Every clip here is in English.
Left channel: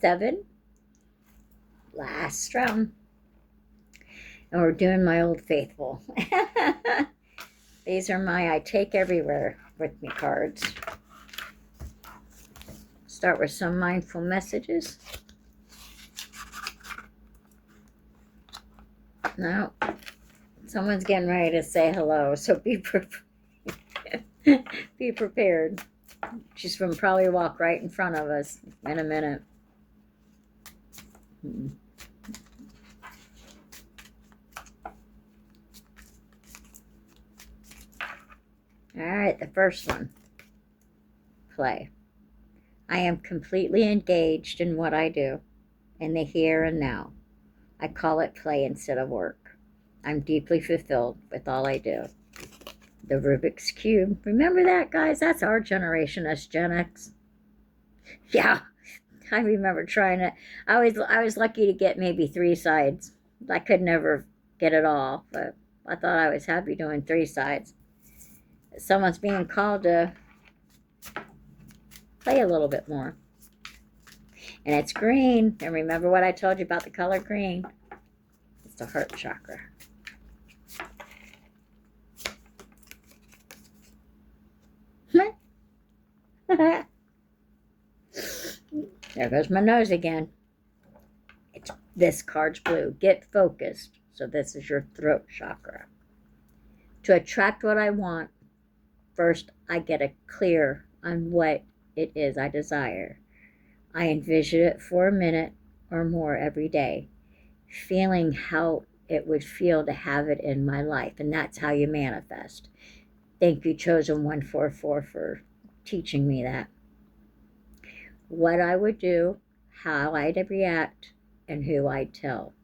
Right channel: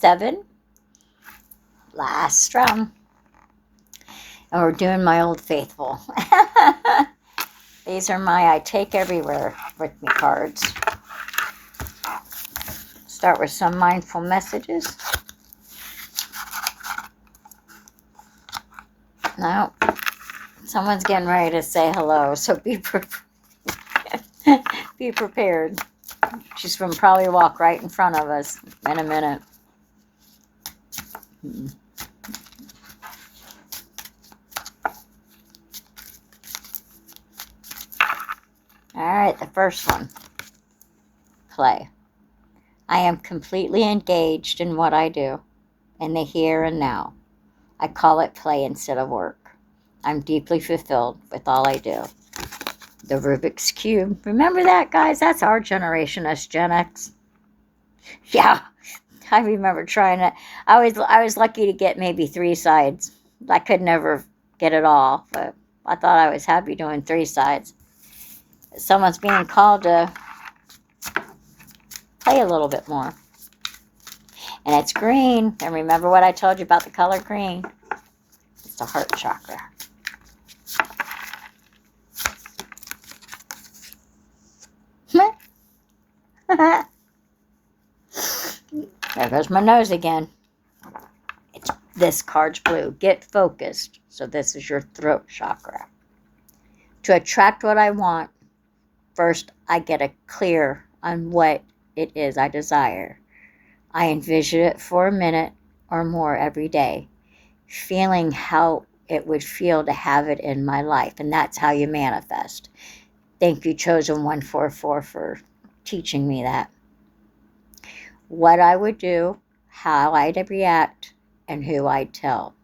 7. Last strum. And we're doing my Old Faithful. These are my I Take Everywhere with me cards. Start with some mindful messages. No, someone's getting ready to say hello, so be be prepared. She's going to probably walk right in front of us in a minute. All right, the first one. Play. I am completely engaged in what I do, in the here and now. I call it play instead of work. I'm deeply fulfilled with all I do. The Rubik's Cube. Remember that, guys? That's our generation, us Gen X. Yeah, I remember trying it. I was lucky to get maybe 3 sides. I could never get it all, but I thought I was happy doing 3 sides. Someone's being called to play a little bit more. And it's green. And remember what I told you about the color green? It's the heart chakra. There goes my nose again. This card's blue. Get focused. So this is your throat chakra. To attract what I want, first I get a clear on what it is I desire. I envision it for a minute or more every day, feeling how it would feel to have it in my life. And that's how you manifest. Thank you, Chosen 144, for teaching me that. What I would do, how I'd react, and who I'd tell.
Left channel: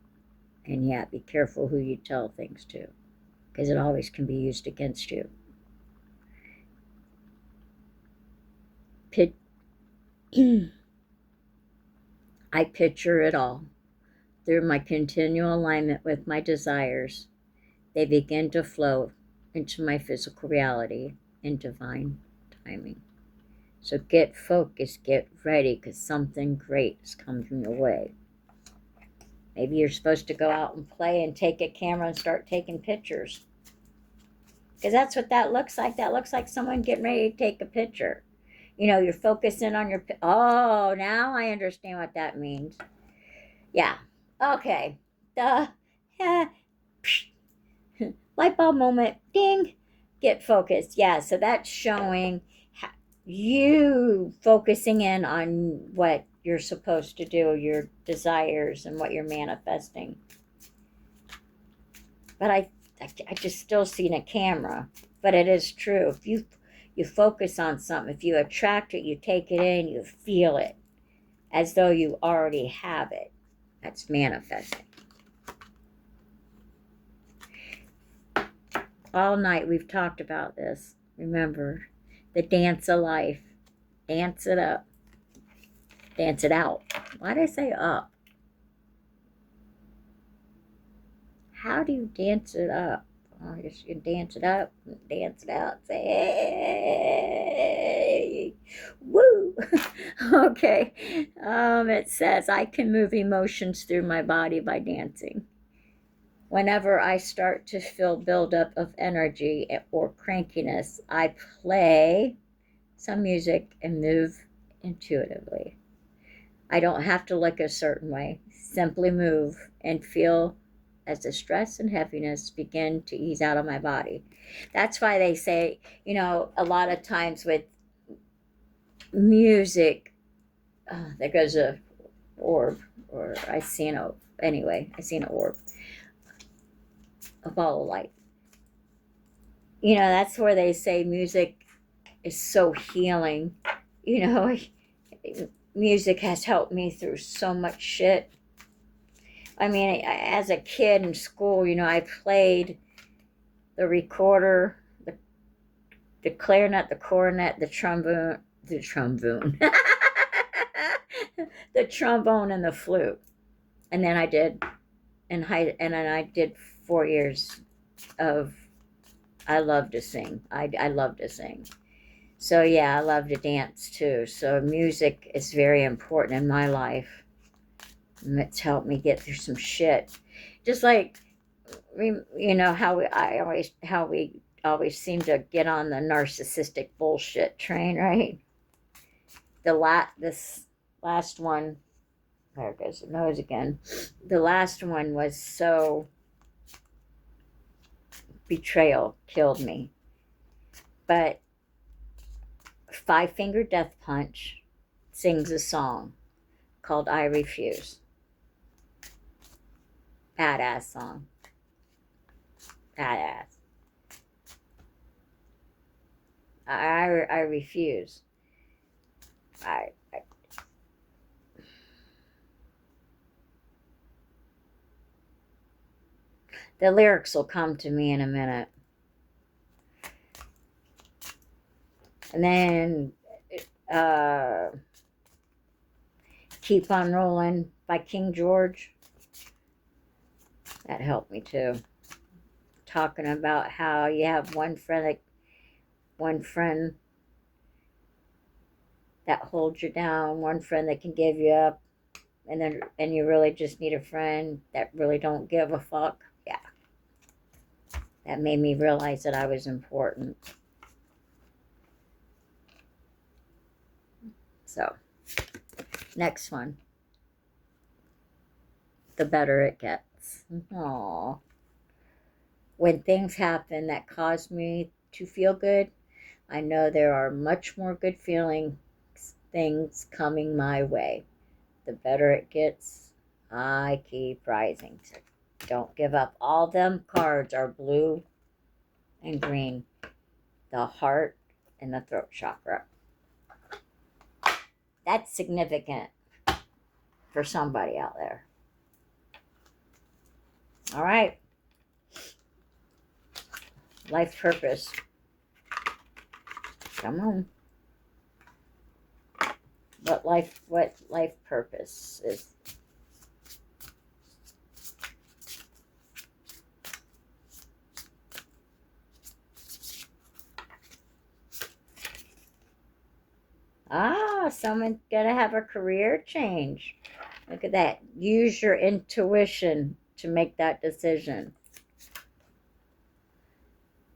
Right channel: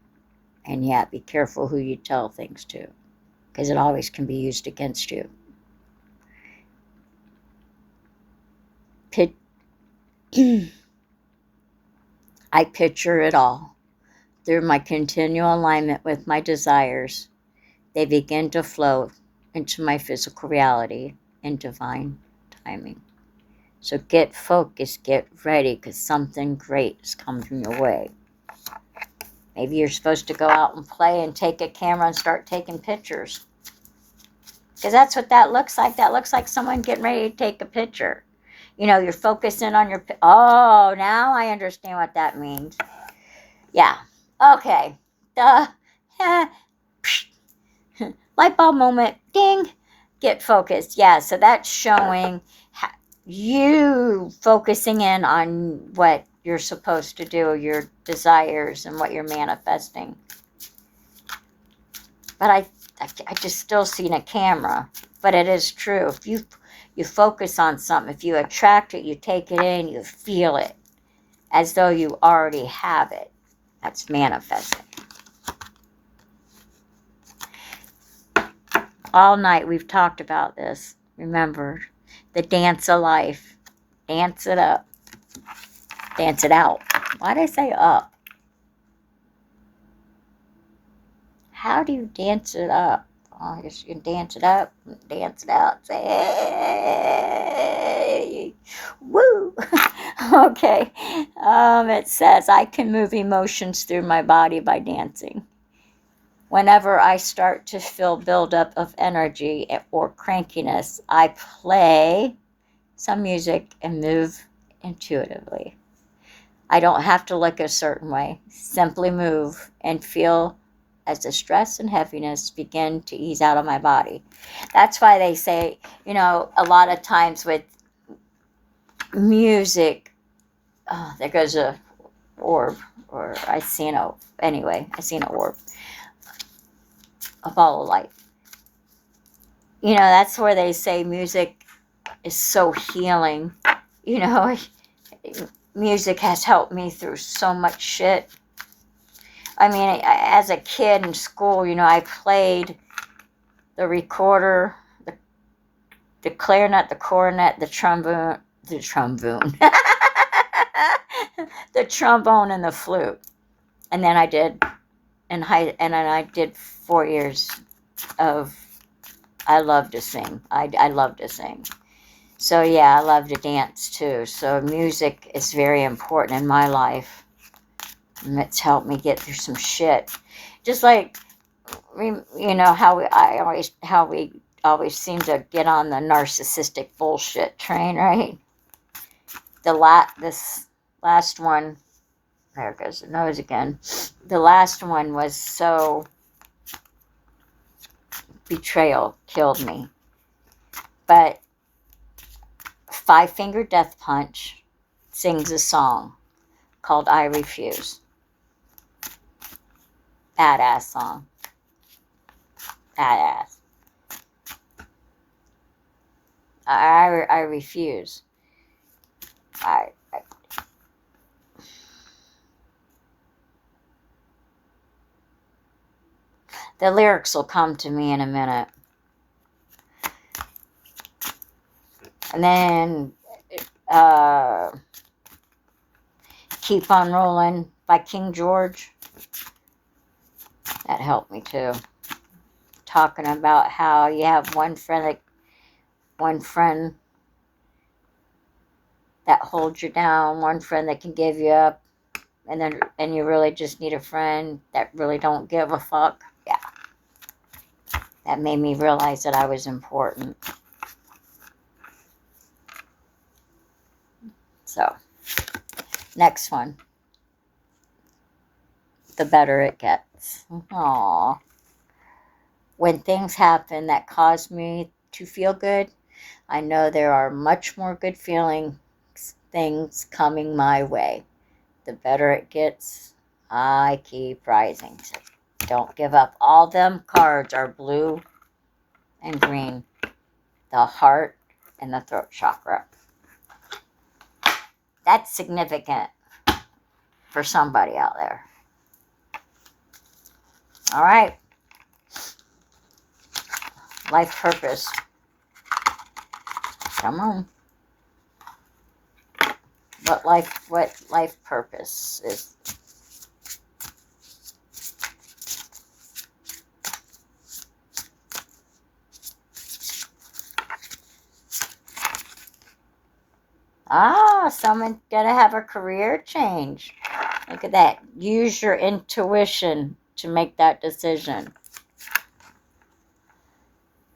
And yeah, be careful who you tell things to, because it always can be used against you. I picture it all. Through my continual alignment with my desires, they begin to flow into my physical reality in divine timing. So get focused, get ready, because something great is coming your way. Maybe you're supposed to go out and play and take a camera and start taking pictures. Because that's what that looks like. That looks like someone getting ready to take a picture. You know, you're focusing on your... Oh, now I understand what that means. Yeah. Okay. Light bulb moment. Ding. Get focused. Yeah, so that's showing you focusing in on what you're supposed to do, your desires, and what you're manifesting. But I just still seen a camera. But it is true. If you focus on something, if you attract it, you take it in, you feel it as though you already have it. That's manifesting. All night we've talked about this. Remember, the dance of life. Dance it up. Dance it out. Why did I say up? How do you dance it up? Oh, I guess you can dance it up, dance it out, say, hey, woo. Okay. It says, I can move emotions through my body by dancing. Whenever I start to feel buildup of energy or crankiness, I play some music and move intuitively. I don't have to look a certain way. Simply move and feel as the stress and heaviness begin to ease out of my body. That's why they say, you know, a lot of times with music, there goes a orb, or I seen an orb, a ball of light. You know, that's where they say music is so healing. You know, music has helped me through so much shit. I mean, as a kid in school, you know, I played the recorder, the clarinet, the cornet, the trombone, the trombone and the flute. And then I did and then I did 4 years of, I love to sing. I love to sing. So yeah, I love to dance too. So music is very important in my life. And it's helped me get through some shit. Just like, you know, how we always seem to get on the narcissistic bullshit train, right? This last one, there goes the nose again. The last one was so betrayal, killed me. But Five Finger Death Punch sings a song called I Refuse. Badass song. Badass. I refuse. The lyrics will come to me in a minute. And then Keep on Rolling by King George. That helped me too. Talking about how you have one friend that holds you down, one friend that can give you up, and you really just need a friend that really don't give a fuck. Yeah. That made me realize that I was important. So, next one. The Better It Gets. Aww. When things happen that cause me to feel good, I know there are much more good things coming my way. The better it gets, I keep rising. So don't give up. All them cards are blue and green. The heart and the throat chakra. That's significant for somebody out there. All right. Life purpose. Come on. What life purpose is? Someone's gonna have a career change. Look at that. Use your intuition to make that decision.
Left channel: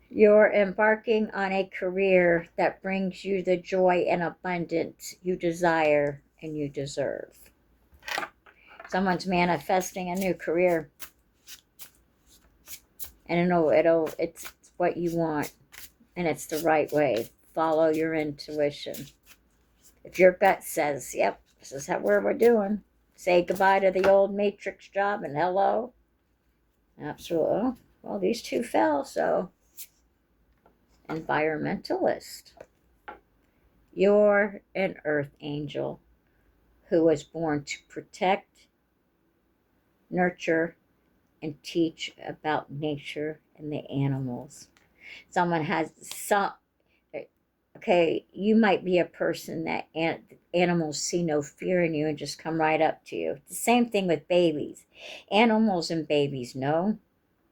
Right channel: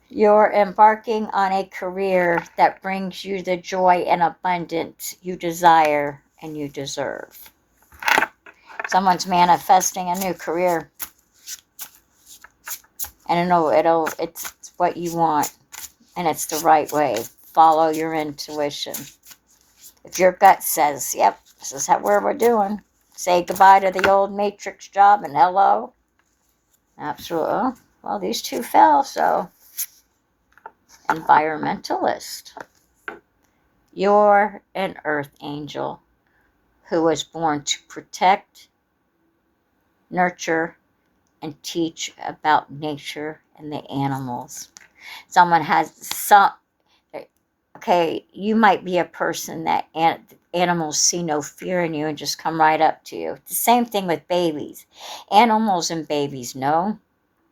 You're embarking on a career that brings you the joy and abundance you desire and you deserve. Someone's manifesting a new career. And it's what you want. And it's the right way. Follow your intuition. If your gut says, yep, this is where we're doing, say goodbye to the old matrix job and hello. Absolutely. Well, these two fell, so. Environmentalist. You're an earth angel who was born to protect, nurture, and teach about nature and the animals. Okay, you might be a person that animals see no fear in you and just come right up to you. The same thing with babies. Animals and babies know.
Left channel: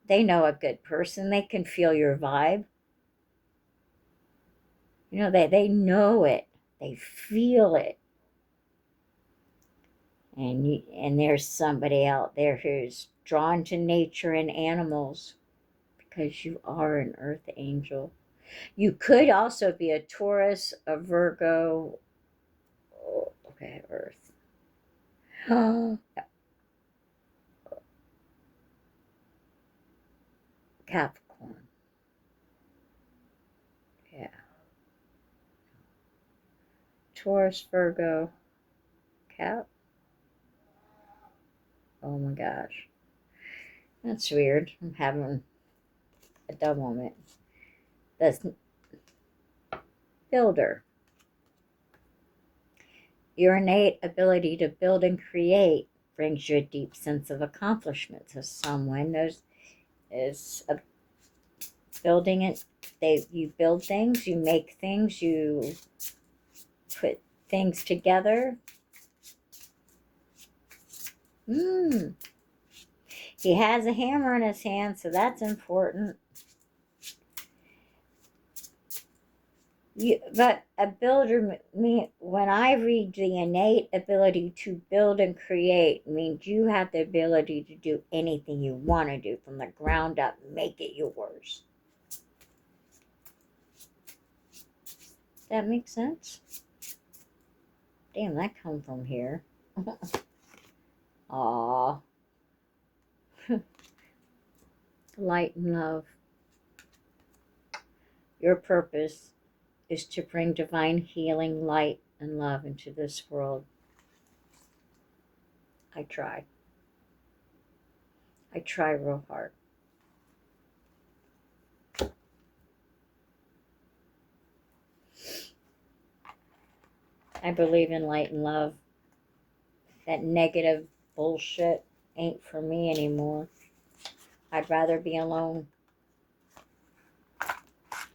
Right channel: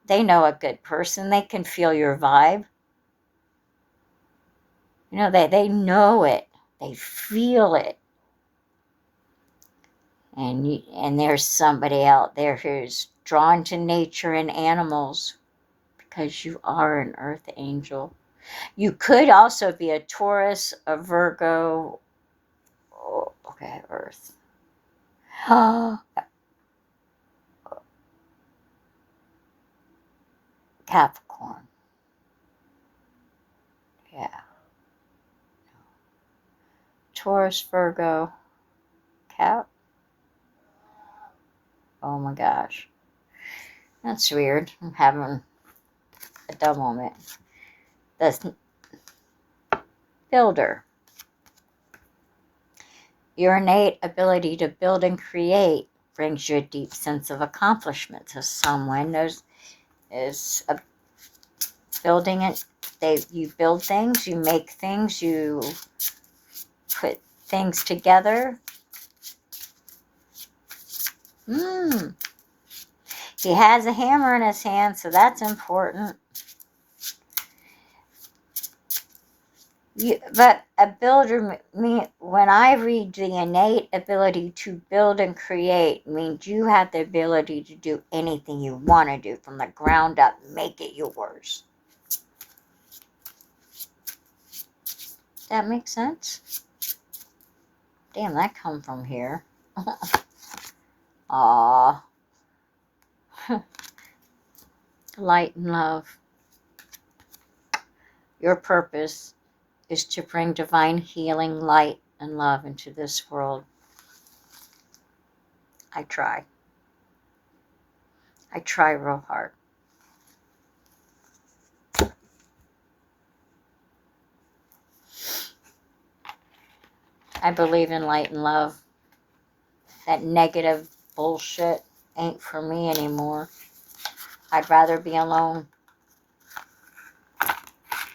They know a good person. They can feel your vibe. You know, they know it. They feel it. And there's somebody out there who's drawn to nature and animals because you are an earth angel. You could also be a Taurus, a Virgo. Oh, okay, earth. Capricorn. Yeah. Taurus, Virgo, Cap. Oh my gosh. That's weird. I'm having a dumb moment. The builder. Your innate ability to build and create brings you a deep sense of accomplishment. So someone is building it. You build things, you make things, you put things together. He has a hammer in his hand, so that's important. But a builder, when I read the innate ability to build and create, means you have the ability to do anything you want to do from the ground up, make it yours. That makes sense? Damn, that come from here. Aww. Light and love. Your purpose is to bring divine healing, light, and love into this world. I try. I try real hard. I believe in light and love. That negative bullshit ain't for me anymore. I'd rather be alone.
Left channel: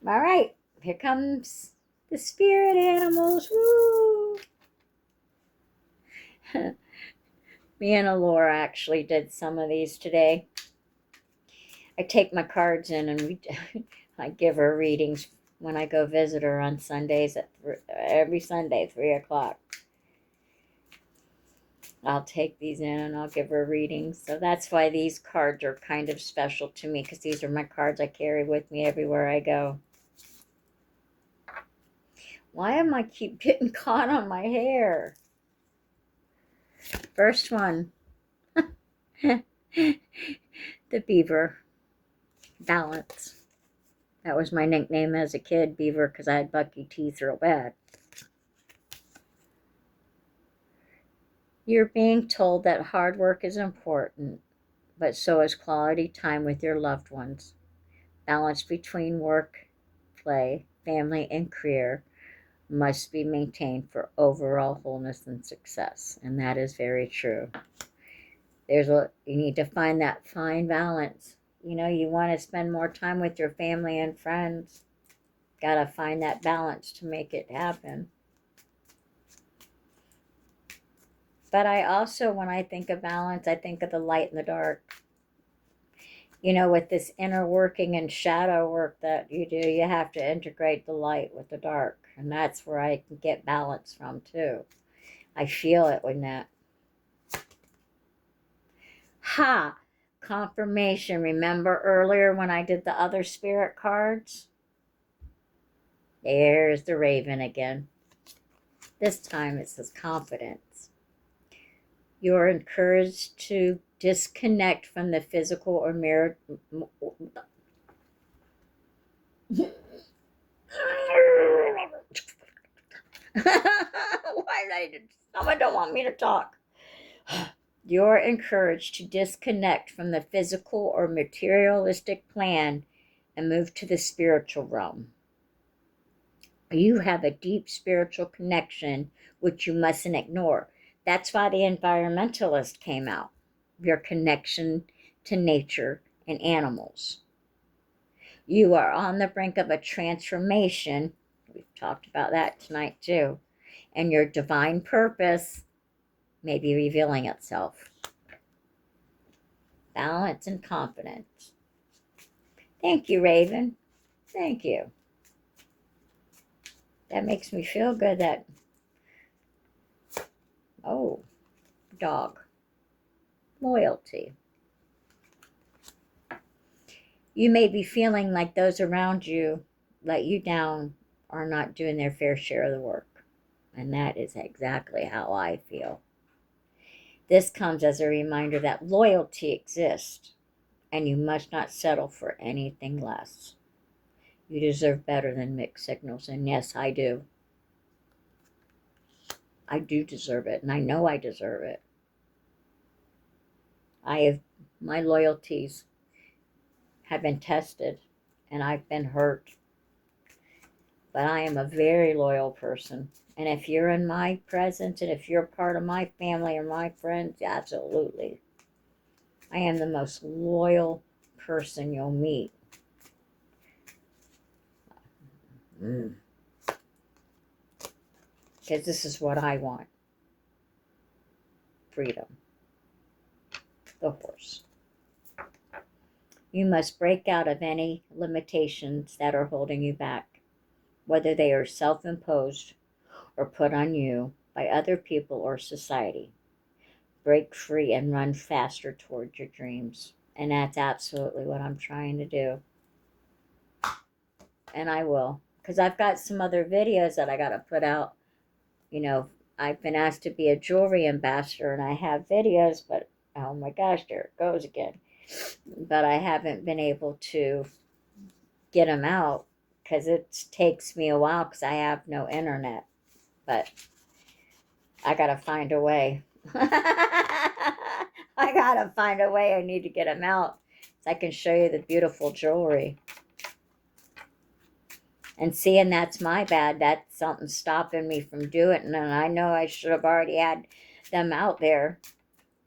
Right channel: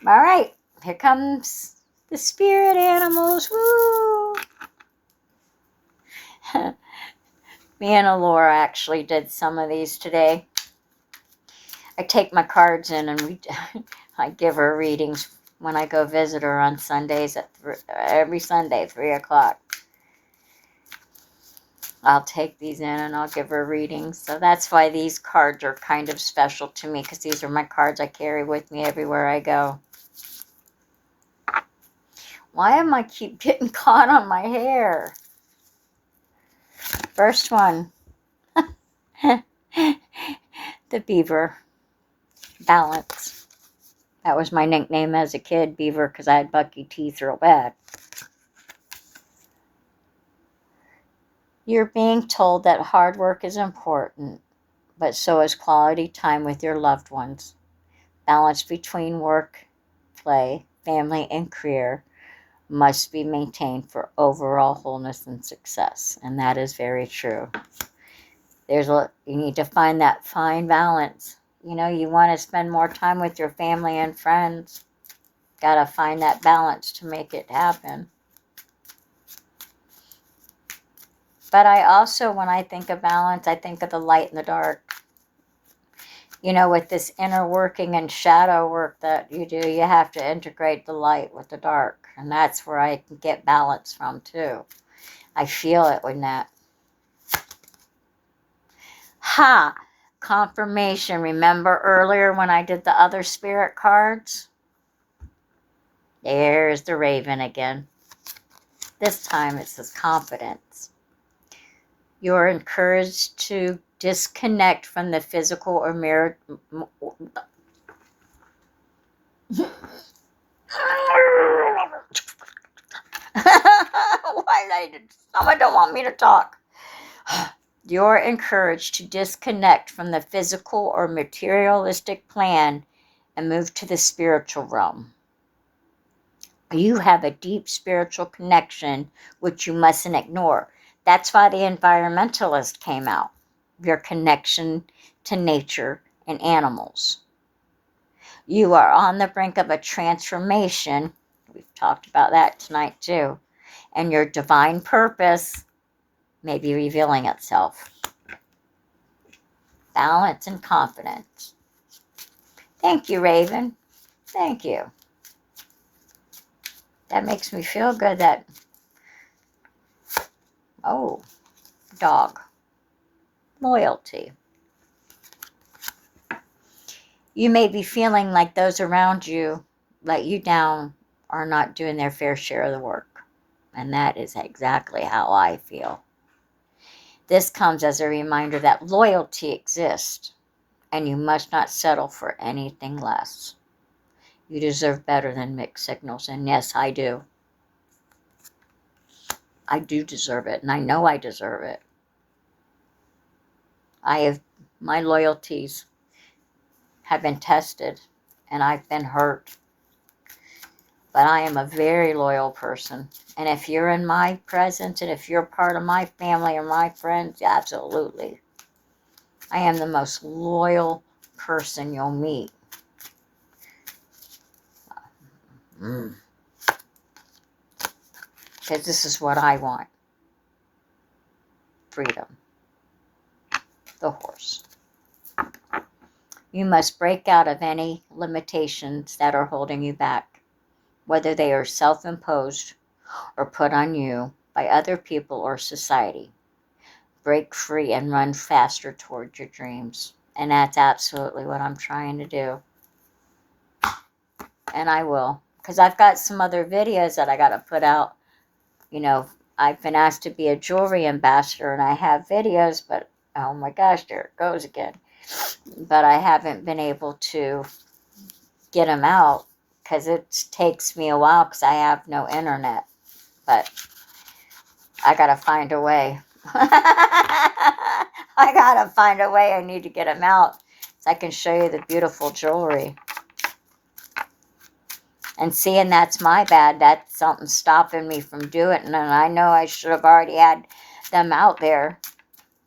All right, here comes the spirit animals. Woo! Me and Alora actually did some of these today. I take my cards in and I give her readings when I go visit her on Sundays at every Sunday, 3 o'clock. I'll take these in and I'll give her readings. So that's why these cards are kind of special to me, because these are my cards I carry with me everywhere I go. Why am I keep getting caught on my hair? First one. The beaver. Balance. That was my nickname as a kid, Beaver, because I had bucky teeth real bad. You're being told that hard work is important, but so is quality time with your loved ones. Balance between work, play, family, and career must be maintained for overall wholeness and success. And that is very true. You need to find that fine balance. You know, you want to spend more time with your family and friends. Got to find that balance to make it happen. But I also, when I think of balance, I think of the light and the dark. You know, with this inner working and shadow work that you do, you have to integrate the light with the dark. And that's where I can get balance from, too. I feel it with that. Ha! Confirmation. Remember earlier when I did the other spirit cards? There's the raven again. This time it says confidence. You're encouraged to disconnect from the physical or mirror. Someone don't want me to talk. You're encouraged to disconnect from the physical or materialistic plan and move to the spiritual realm. You have a deep spiritual connection, which you mustn't ignore. That's why the environmentalist came out. Your connection to nature and animals. You are on the brink of a transformation. We've talked about that tonight too. And your divine purpose may be revealing itself. Balance and confidence. Thank you, Raven. Thank you. That makes me feel good that, oh, dog. Loyalty. You may be feeling like those around you let you down or not doing their fair share of the work. And that is exactly how I feel. This comes as a reminder that loyalty exists, and you must not settle for anything less. You deserve better than mixed signals, and yes, I do. I do deserve it, and I know I deserve it. My loyalties have been tested, and I've been hurt. But I am a very loyal person. And if you're in my presence, and if you're part of my family or my friends, absolutely. I am the most loyal person you'll meet. Because this is what I want. Freedom. The horse. You must break out of any limitations that are holding you back. whether they are self-imposed or put on you by other people or society. Break free and run faster toward your dreams. And that's absolutely what I'm trying to do. And I will. Because I've got some other videos that I got to put out. You know, I've been asked to be a jewelry ambassador, and I have videos, but oh my gosh, there it goes again. But I haven't been able to get them out because it takes me a while because I have no internet. But I got to find a way. I got to find a way. I need to get them out so I can show you the beautiful jewelry. And seeing that's my bad, that's something stopping me from doing it. And I know I should have already had them out there,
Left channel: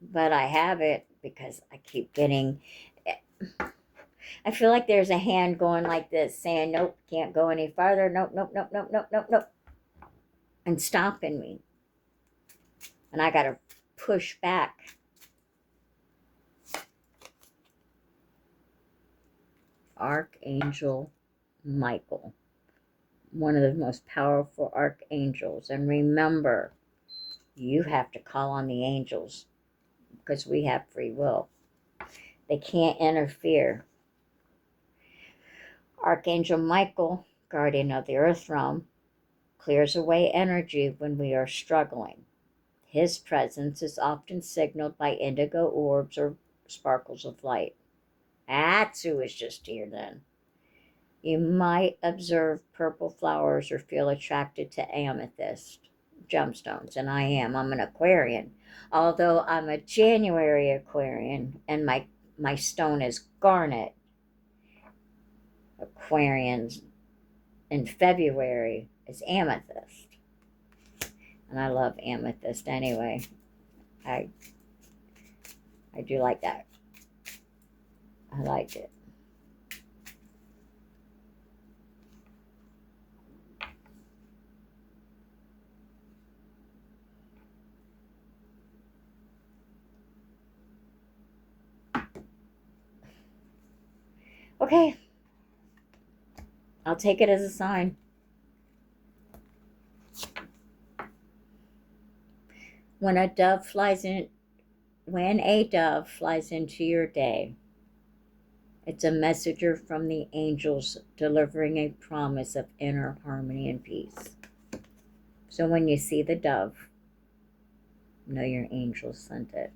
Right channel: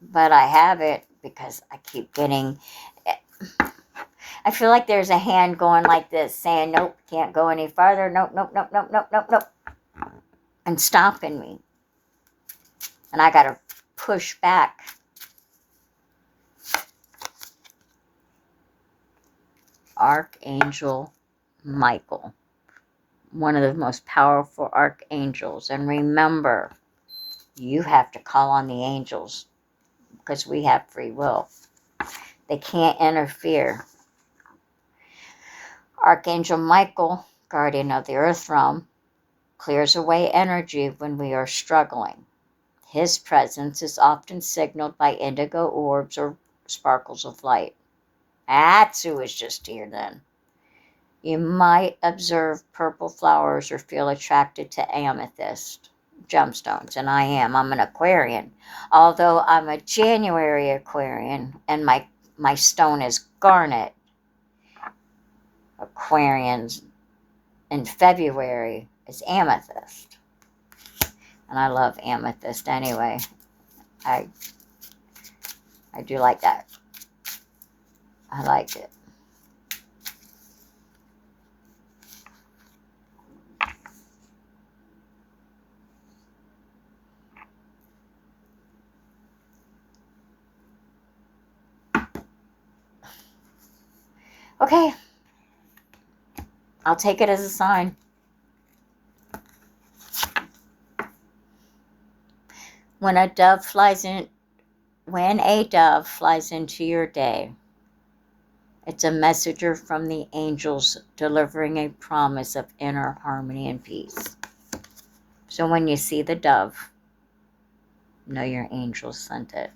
but I haven't because I keep getting, I feel like there's a hand going like this saying, nope, can't go any farther. Nope, nope, nope, nope, nope, nope, nope. And stopping me. And I got to push back. Archangel Michael. One of the most powerful archangels. And remember, you have to call on the angels because we have free will. They can't interfere. Archangel Michael, guardian of the earth realm, clears away energy when we are struggling. His presence is often signaled by indigo orbs or sparkles of light. That's who was just here then. You might observe purple flowers or feel attracted to amethyst gemstones, and I am. I'm an Aquarian. Although I'm a January Aquarian, and my stone is garnet. Aquarians in February is amethyst. And I love amethyst anyway. I do like that. I like it. Okay. I'll take it as a sign. When a dove flies into your day, it's a messenger from the angels delivering a promise of inner harmony and peace. So when you see the dove, know your angels sent it.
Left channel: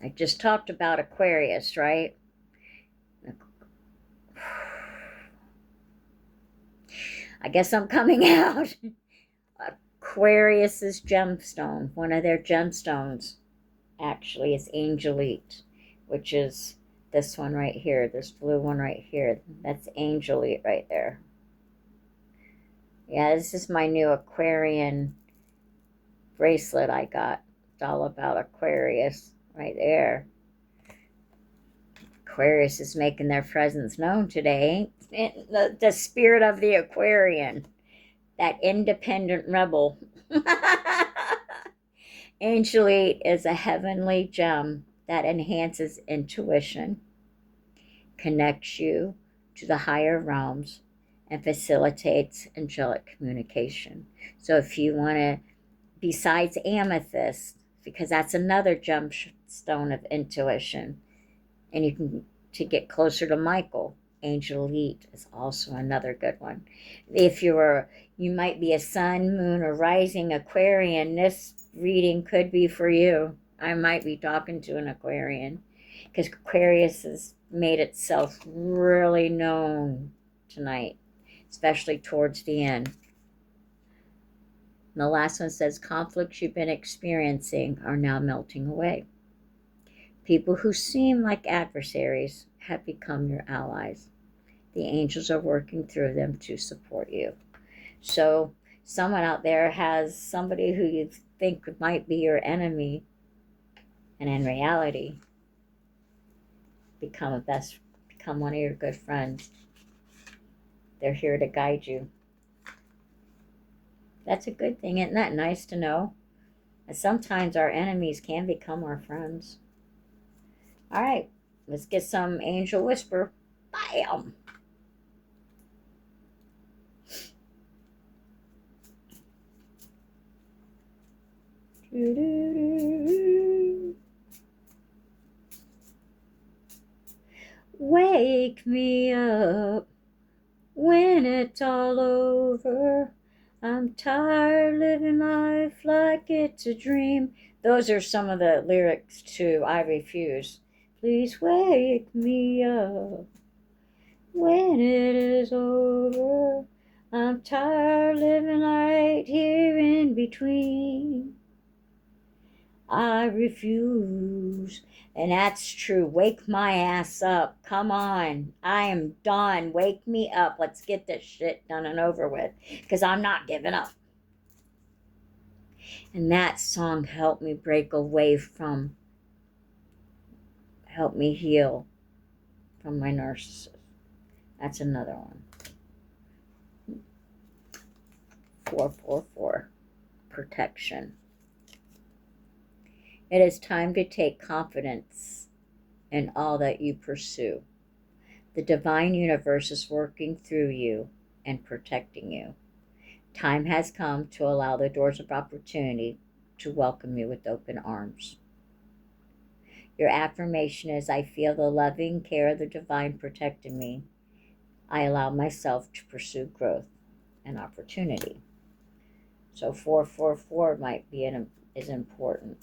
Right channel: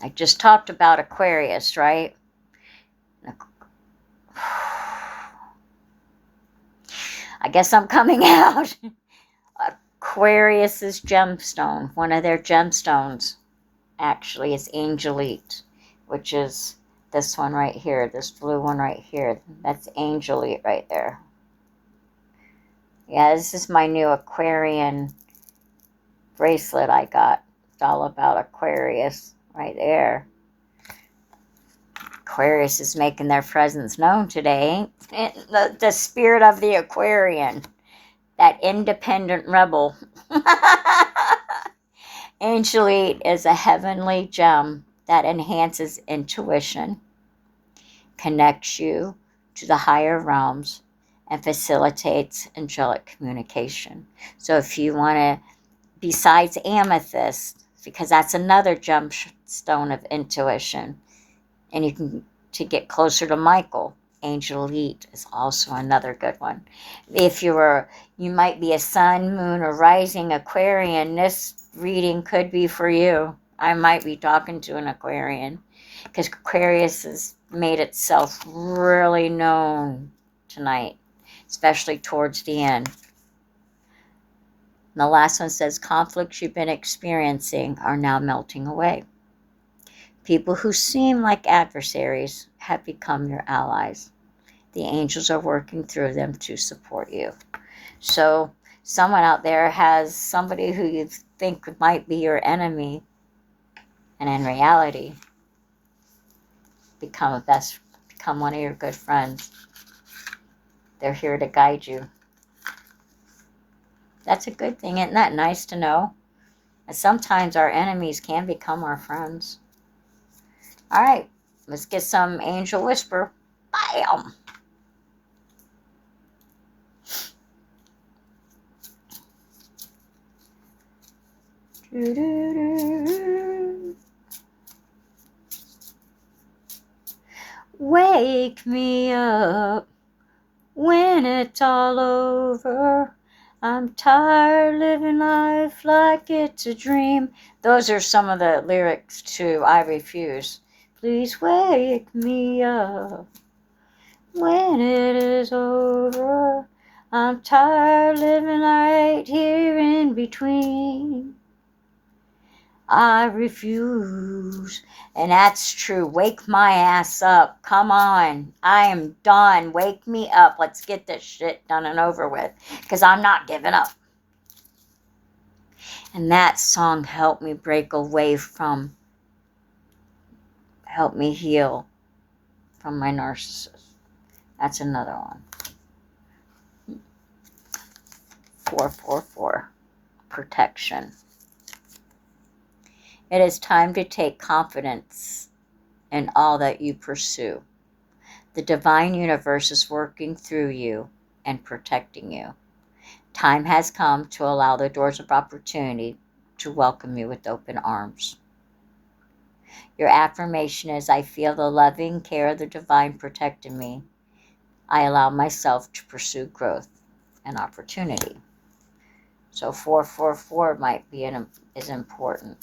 I just talked about Aquarius, right? I guess I'm coming out. Aquarius's gemstone, one of their gemstones, actually is Angelite, which is this one right here, this blue one right here. That's Angelite right there. Yeah, this is my new Aquarian bracelet I got. It's all about Aquarius right there. Aquarius is making their presence known today. The spirit of the Aquarian, that independent rebel. Angelite is a heavenly gem that enhances intuition, connects you to the higher realms, and facilitates angelic communication. So if you want to, besides amethyst, because that's another gemstone of intuition, and you can, to get closer to Michael, Angelite is also another good one. If you might be a sun, moon, or rising Aquarian, this reading could be for you. I might be talking to an Aquarian because Aquarius has made itself really known tonight, especially towards the end. And the last one says, conflicts you've been experiencing are now melting away. People who seem like adversaries have become your allies. The angels are working through them to support you. So someone out there has somebody who you think might be your enemy, and in reality, become one of your good friends. They're here to guide you. That's a good thing. Isn't that nice to know? And sometimes our enemies can become our friends. All right. Let's get some angel whisper. Bam! Wake me up when it's all over. I'm tired living life like it's a dream. Those are some of the lyrics to I Refuse. Please wake me up when it is over. I'm tired living right here in between. I refuse. And that's true. Wake my ass up. Come on. I am done. Wake me up. Let's get this shit done and over with. Because I'm not giving up. And that song helped me break away from, helped me heal from my narcissist. That's another one. 444. Protection. It is time to take confidence in all that you pursue. The divine universe is working through you and protecting you. Time has come to allow the doors of opportunity to welcome you with open arms. Your affirmation is, I feel the loving care of the divine protecting me. I allow myself to pursue growth and opportunity. So 444 might be is important.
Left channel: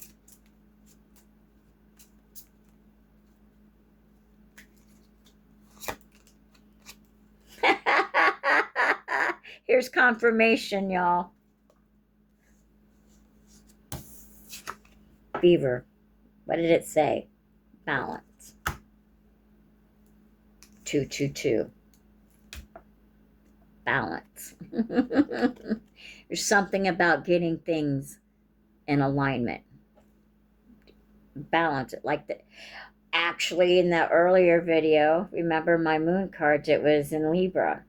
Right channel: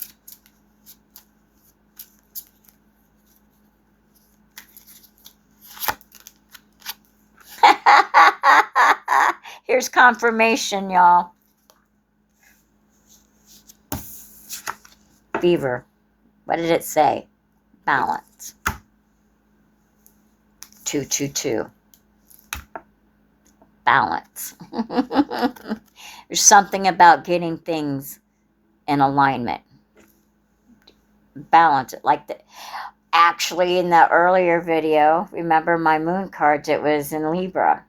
Here's confirmation, y'all. Fever. What did it say? Balance. 222. Balance. There's something about getting things in alignment. Balance it. Like the, actually in the earlier video, remember my moon cards, it was in Libra.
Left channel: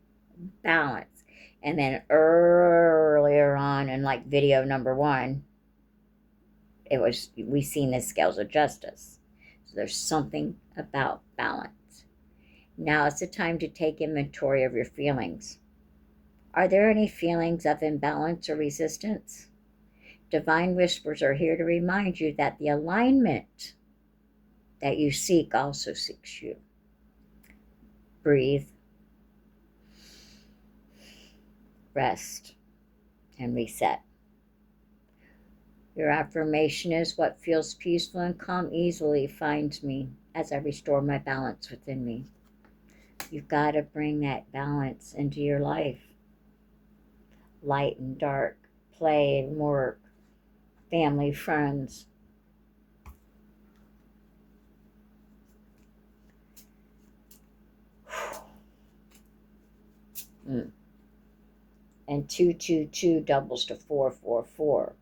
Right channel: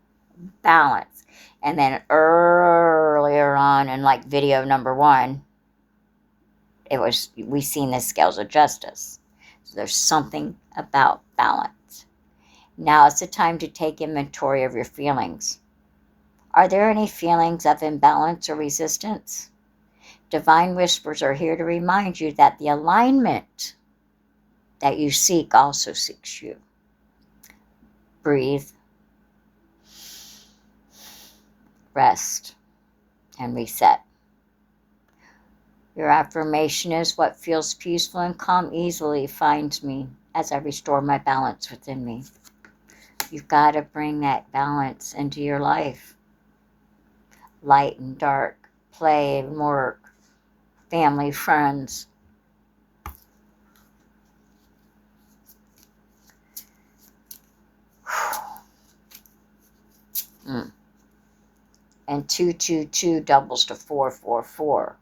Balance. And then earlier on in like video number 1, it was, we seen the scales of justice. So there's something about balance. Now it's the time to take inventory of your feelings. Are there any feelings of imbalance or resistance? Divine whispers are here to remind you that the alignment that you seek also seeks you. Breathe, rest, and reset. Your affirmation is, what feels peaceful and calm easily finds me as I restore my balance within me. You've got to bring that balance into your life. Light and dark, play and work, family, friends. And 222 doubles to 444.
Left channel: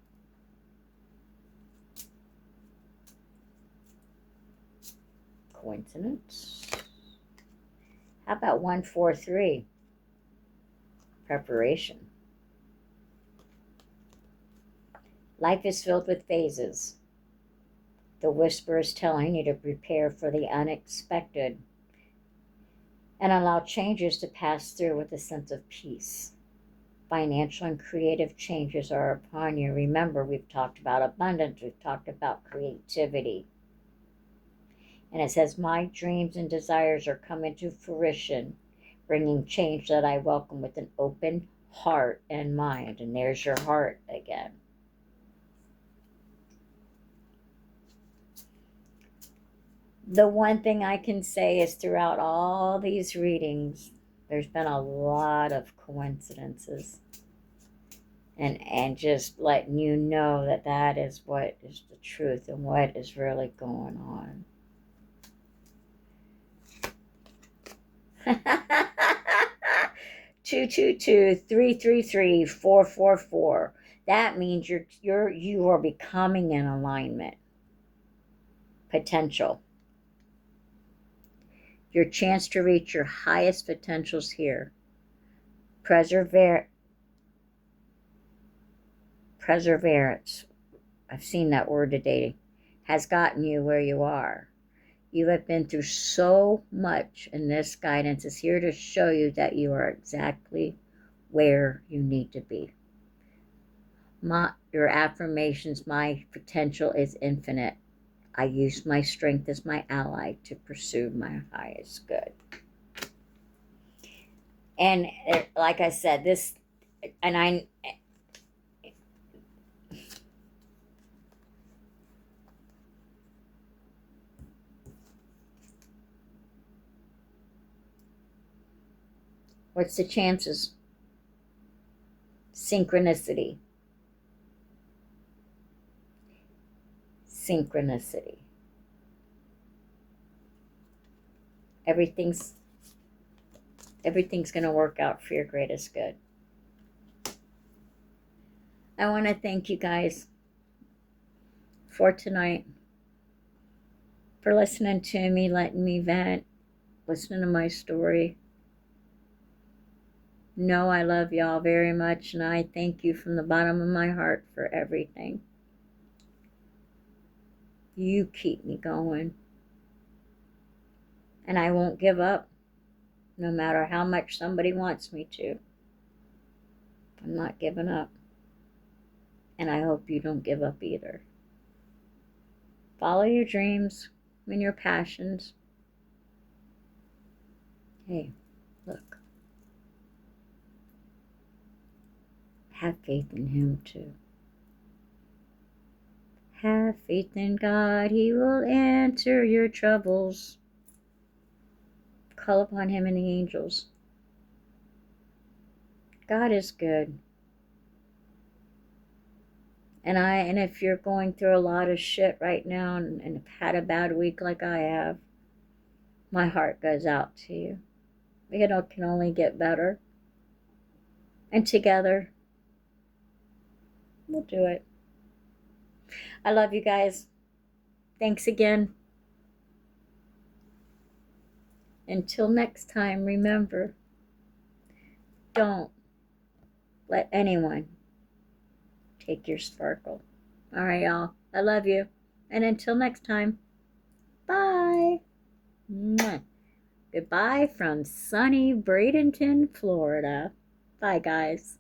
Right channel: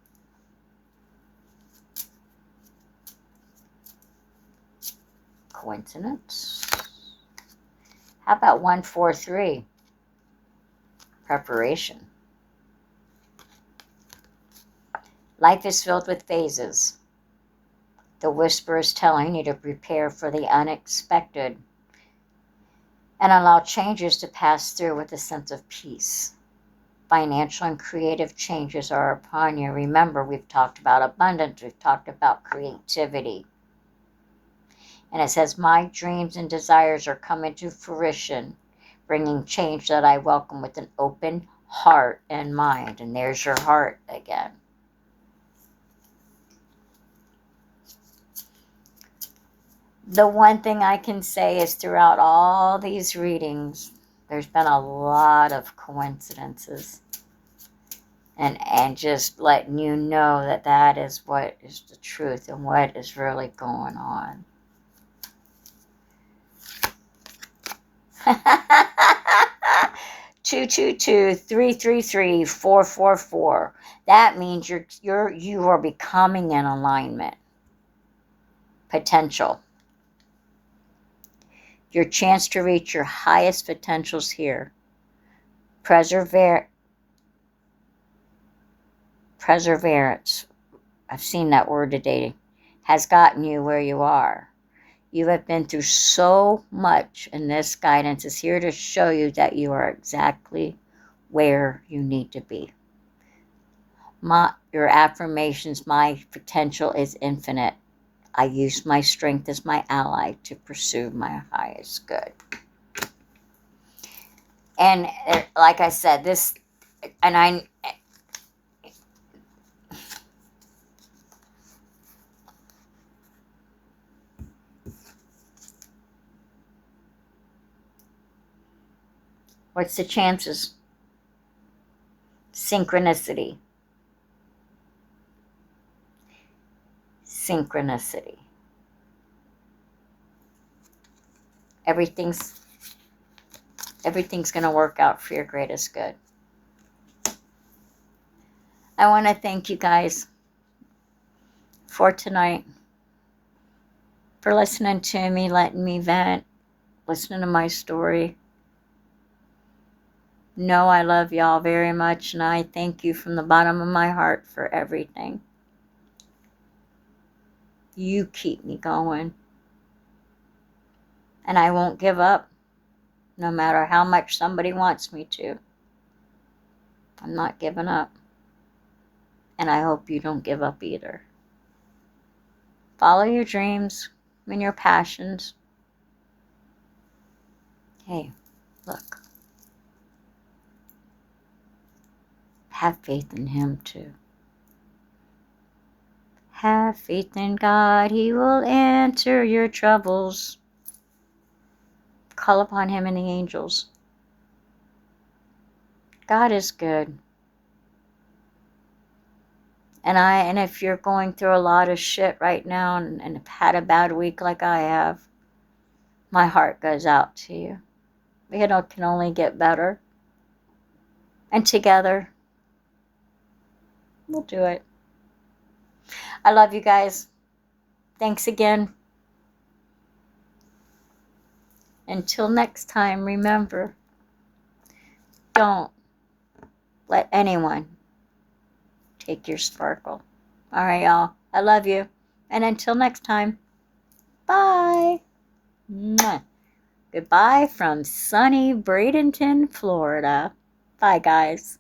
Coincidence? How about 143? Preparation. Life is filled with phases. The whisper is telling you to prepare for the unexpected and allow changes to pass through with a sense of peace. Financial and creative changes are upon you. Remember, we've talked about abundance. We've talked about creativity. And it says, my dreams and desires are coming to fruition, bringing change that I welcome with an open heart and mind. And there's your heart again. The one thing I can say is throughout all these readings, there's been a lot of coincidences. And just letting you know that that is what is the truth and what is really going on. 222 333 444. That means you are becoming in alignment. Potential. Your chance to reach your highest potentials here. Perseverance. I've seen that word today. Has gotten you where you are. You have been through so much, and this guidance is here to show you that you are exactly where you need to be. Your affirmations, my potential is infinite. I use my strength as my ally to pursue my highest good. And like I said, what's the chances? Synchronicity. Synchronicity. Everything's going to work out for your greatest good. I want to thank you guys for tonight, for listening to me, letting me vent, listening to my story. Know I love y'all very much, and I thank you from the bottom of my heart for everything. You keep me going. And I won't give up, no matter how much somebody wants me to. I'm not giving up. And I hope you don't give up either. Follow your dreams and your passions. Hey, look. Have faith in Him too. Have faith in God. He will answer your troubles. Call upon Him and the angels. God is good. And if you're going through a lot of shit right now and have had a bad week like I have, my heart goes out to you. It can only get better. And together, we'll do it. I love you guys. Thanks again. Until next time, remember, don't let anyone take your sparkle. All right, y'all. I love you. And until next time, bye. Mwah. Goodbye from sunny Bradenton, Florida. Bye, guys.